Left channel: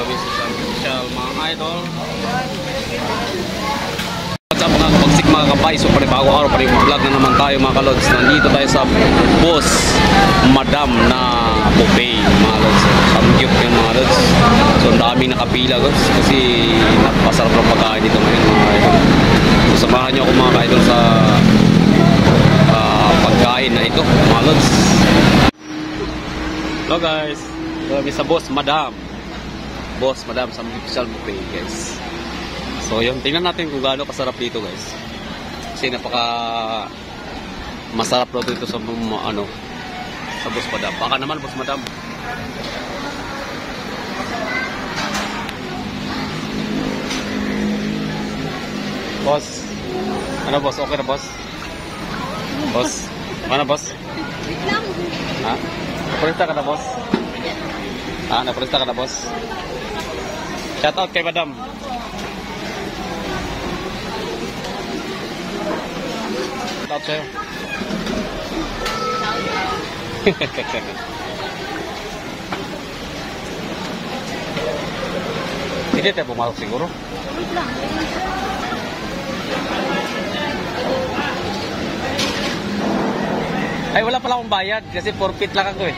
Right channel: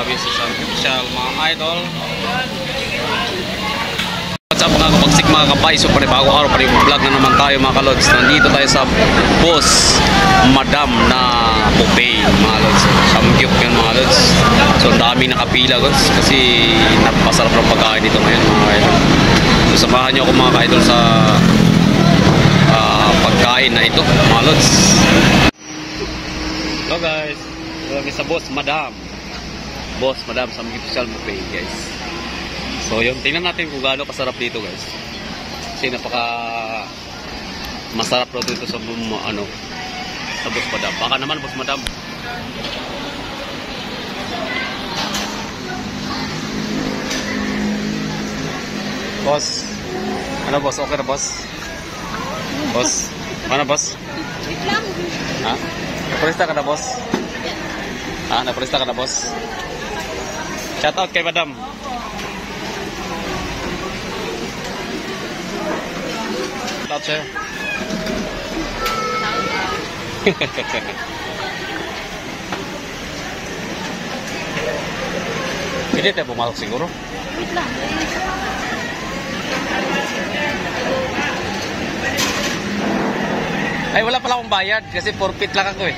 kami sa isang official mga idol. What's up mga kapagsik, mga kabay? So bago araw pa rin vlog na naman tayo mga kalods. Nandito tayo sa Boss Madam na buffet mga lods. Samgyup yun mga lods. So ang daming nakapila guys, kasi napasarap ng pagkain dito ngayon mga idol. So samahan nyo ako mga ka-idol sa pagkain na ito mga lods. Hello guys, kami sa Boss Madam. Boss Madam Samgyup buffet guys. So yun, tingnan natin kung gaano kasarap dito guys. Kasi napaka masarap daw dito sa sa Boss Madam. Baka naman Boss Madam. Boss. Ano boss? Okay na boss? Boss? Ano boss? Wait lang. Ha? Napresta ka na boss? Ha? Napresta ka na boss? Shout out kay Madam. Shout sa'yo. Hindi tayo pumasok siguro. Wait lang. Ay, wala pala akong bayad kasi forfeit lang ako eh.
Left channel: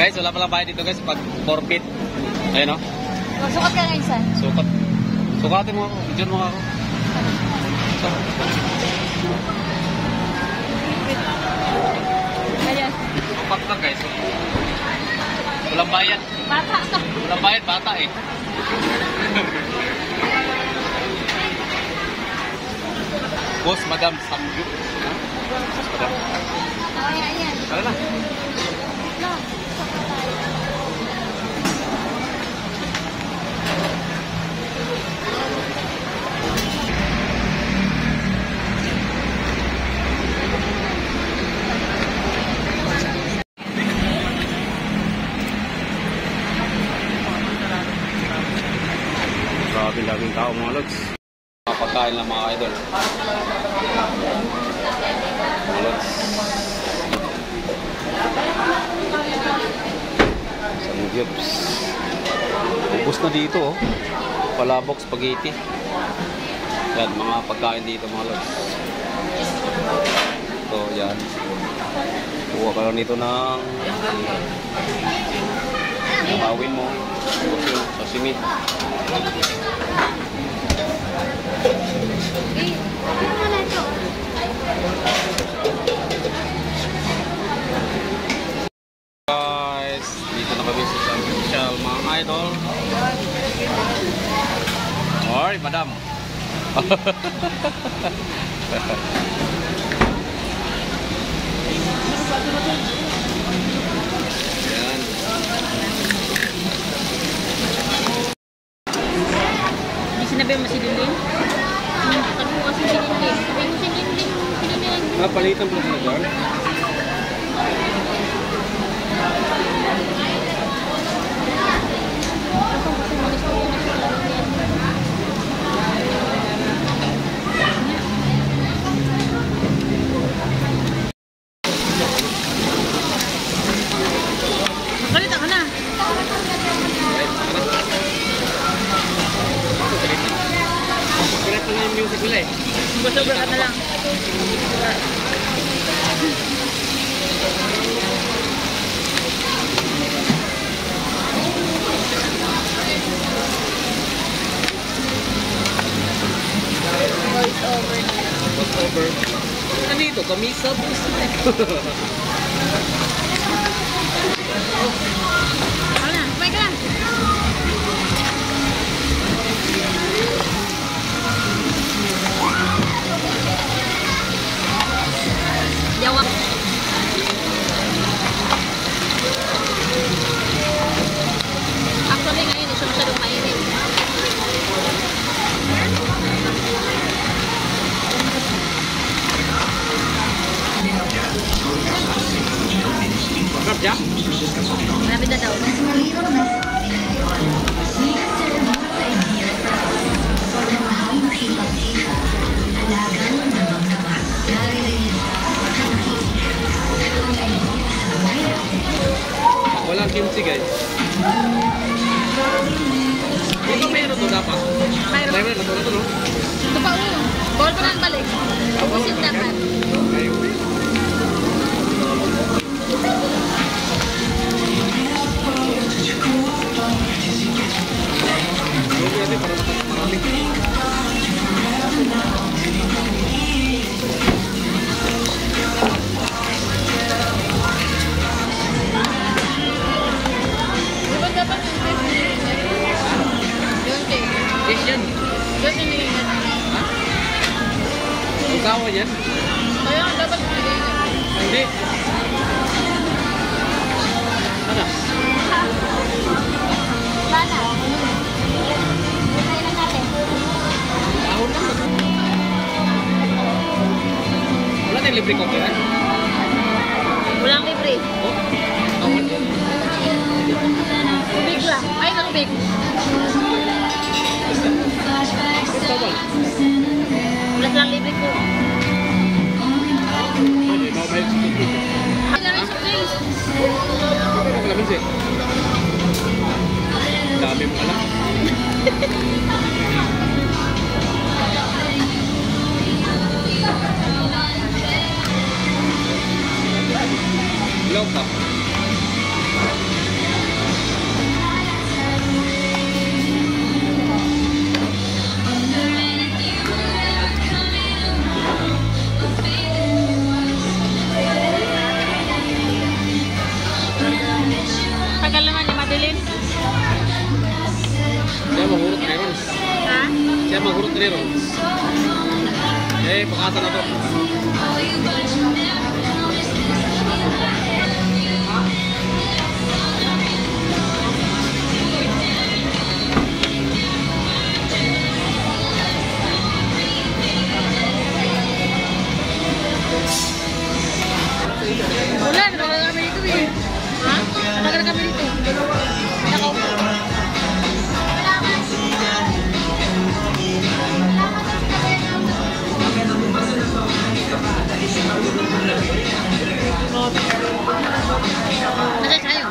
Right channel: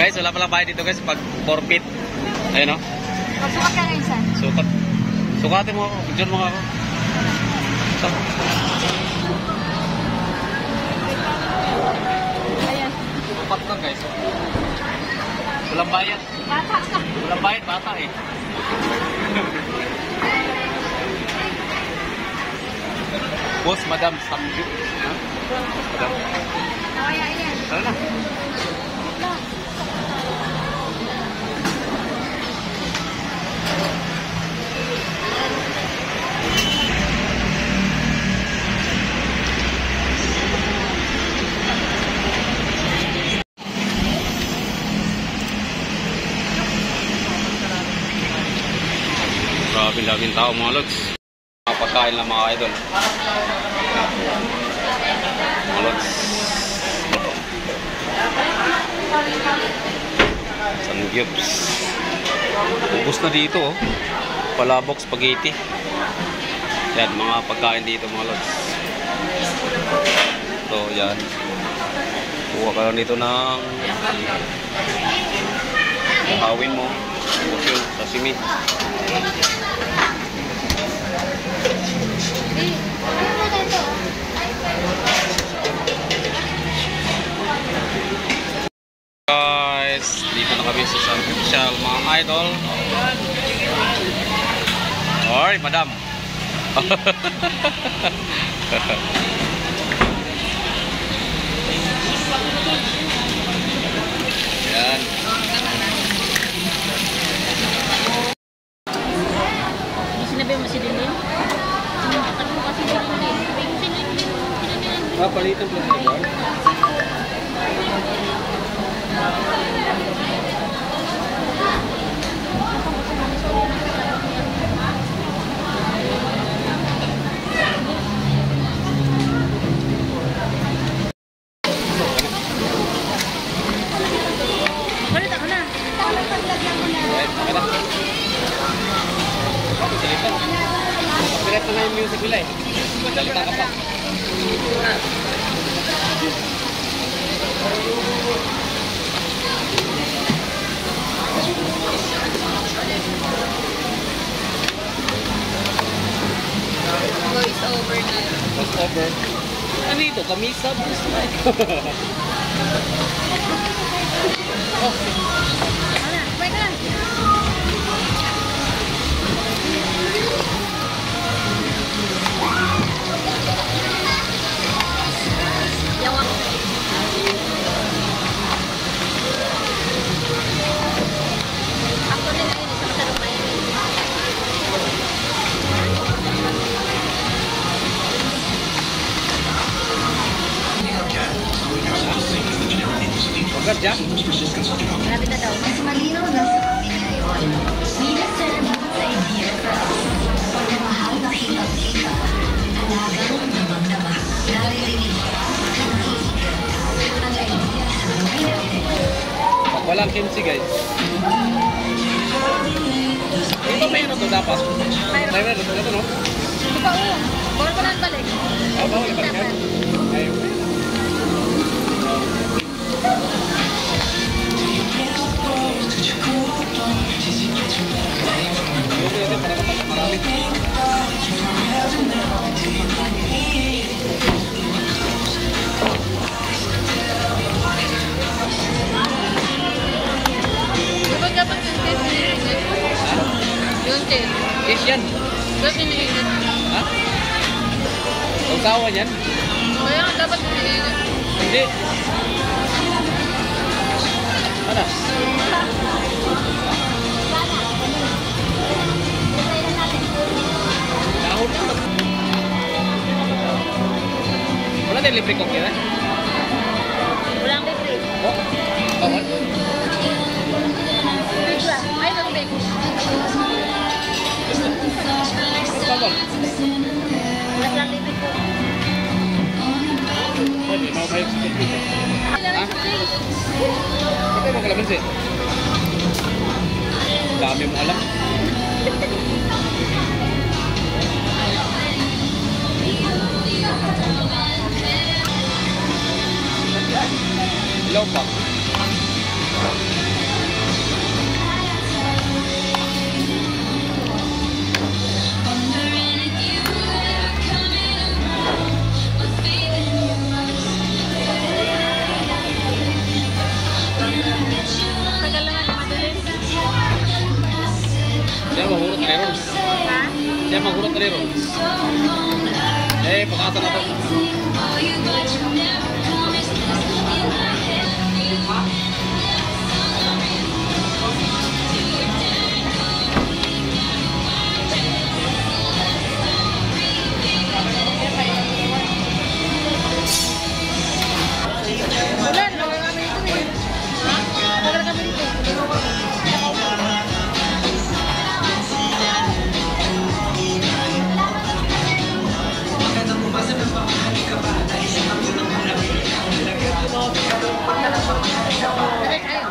Guys, wala pala bayad dito guys pag forfeit. Ayun o. Magsukat ka na insan. Sukat. Sukatin mo ako. Bidyon mo ako. Sukat lang guys. Walang bayad. Bata ka. Walang bayad, bata eh. Boss Madam Samgyup. Ha? Boss Madam. Ayun lang. Grabe-labing tao mga lods. Pagkain lang mga idol. Mga lods. Samgyups. Ubus na dito oh. Palabok spaghetti. Yan mga pagkain dito mga lods. So yan. Kuha ka lang dito ng hawin mo. Ubus yun. Sashimi. Guys, dito na kami sa isang official mga idol. Alright, Madam. Yan. Sinabi mo si Lilin? Nagbukas si Lilin. Si Lilin. Palitan po sila dyan. Salita ka na. Right, saka na. Ako, salita. Pagkiret pa nga yung music nila eh. Sobra ka na lang. Voice over. Ano ito? Kamisa? Oh. Ano na? Sabay ka lang. Yawa. Actually ngayon, hindi siya masyadong mahilig. Pagkat jam? Marami na daw. Walang kimchi guys. pa. Timer, ito no? Ito pa ulo. Bawal pa nang balik. Bawal balik yan. Ayun. Okay, ito para marami. Yes, yan. Ha? Usawa yan? Hindi. Ano? Dahon lang. Wala tayong libre coffee, ha? Walang libre. Oh, dahon. Big lang. Ay, nang big. Bawal. Walang libre ko. Pwede, mau kayo sa coffee. Ito na kalamansi. Dami mo alam. Hello pa. Tagal naman yung madilim. Siya mahurot na ron. Ha? Siya mahurot na ron. Eh, pakasa na po. Wala, naman kami dito eh. Naman kami dito eh. Nakay kayo.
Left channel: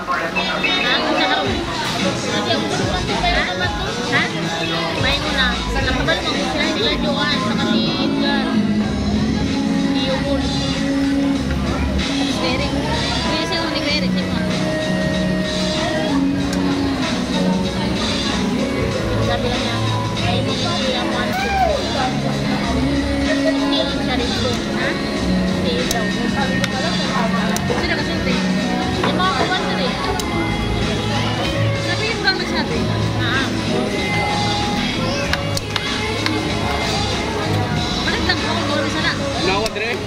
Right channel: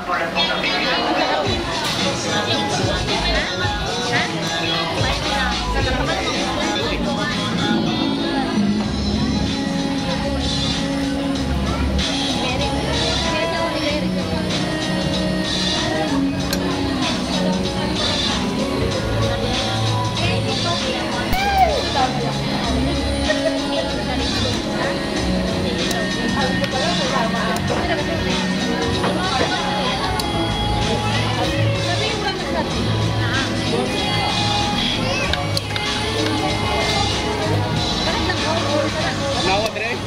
Nawad rin.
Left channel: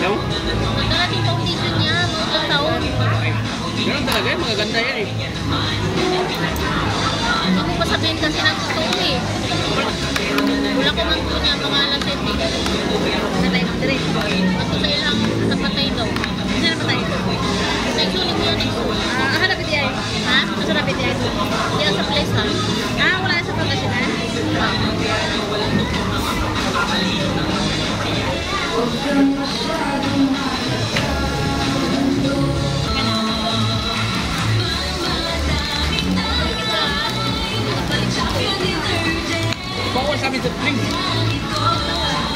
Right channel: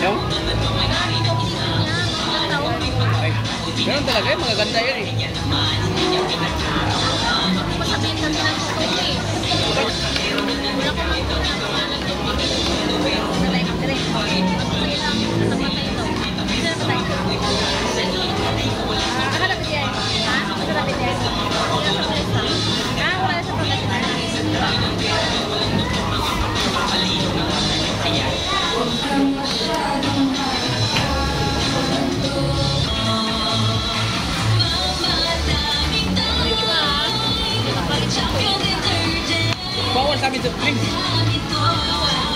Yung? Ay, ganun talaga eh, magaganda yan eh. Ako pa sabihin kasi ng story eh. Wala ko mang punya pangalan din. Natay, dire. Ako kaya lang, napatay daw. Sino napatay? May sulit mo dito. Hanapin niya eh. Ha? Hanapin niya. Yan sa place ba? Wala sa Pangasinan. Bawal sa amin sa drink.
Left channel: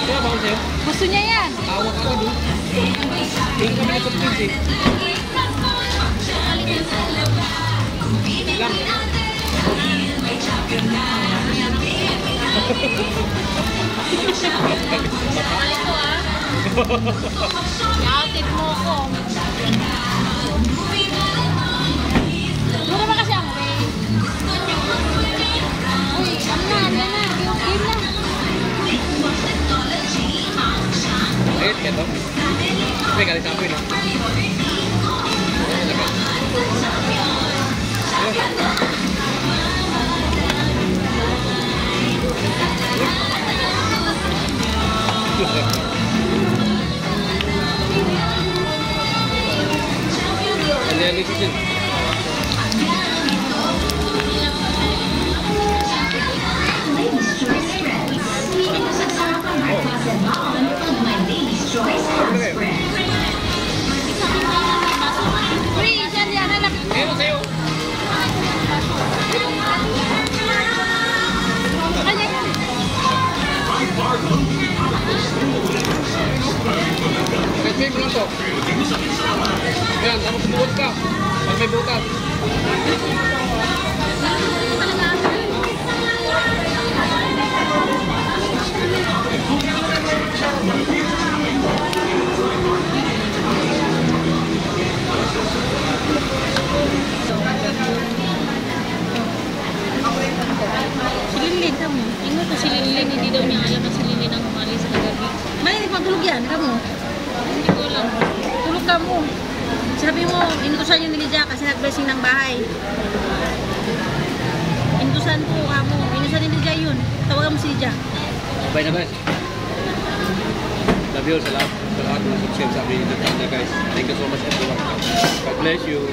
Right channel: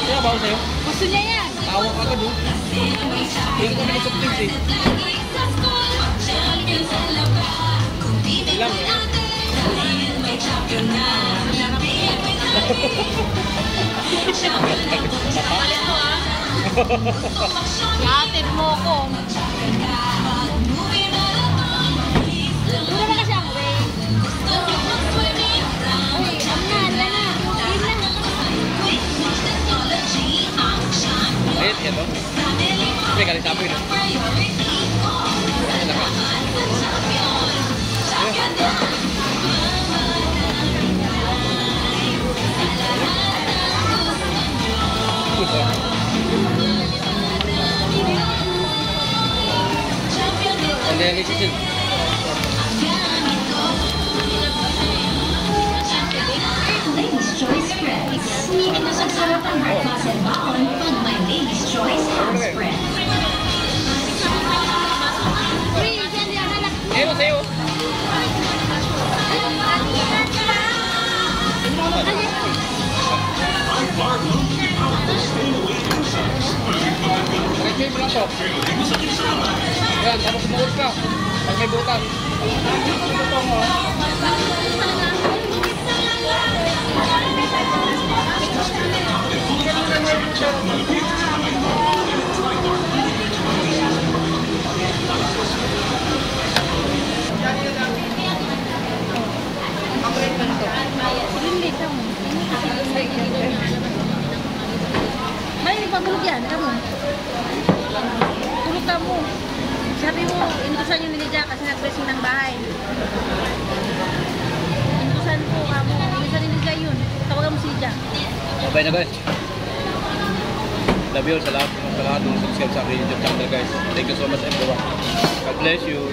Kaya bawal sa'yo? Gusto niya yan. Tawag agad oh. Hindi kami na sa drink eh. Ilang. Alam ko ah. Yatid mo ko. Mura ba kasi ang way? Uy, ano na, game na. Ayun, yan oh. May galit apoy no? Ayun, laka. Ayun. dialysis yun. Free, dyan yan. Sa'yo, sa'yo. Okay, mo lang to. Yan, tapos bubuot ka. Pag may butas. Sililid mo. Tingnan ko sililid. Hindi daw niya alam ang sililid ang umalis sa kagabi. May nagpapulog yan. Kamu. Hindi ko alam. Tulog ka mo. Sabi mo, inutusan yung nilidya kasi nag-dressing ng bahay. Inutusan ko kamo. Inutusan yung nilidya yun. Tawagan mo si Lidya. Bye na guys. Love you sa lahat ng subscribe sa aking YouTube channel guys. Thank you so much everyone. God bless you.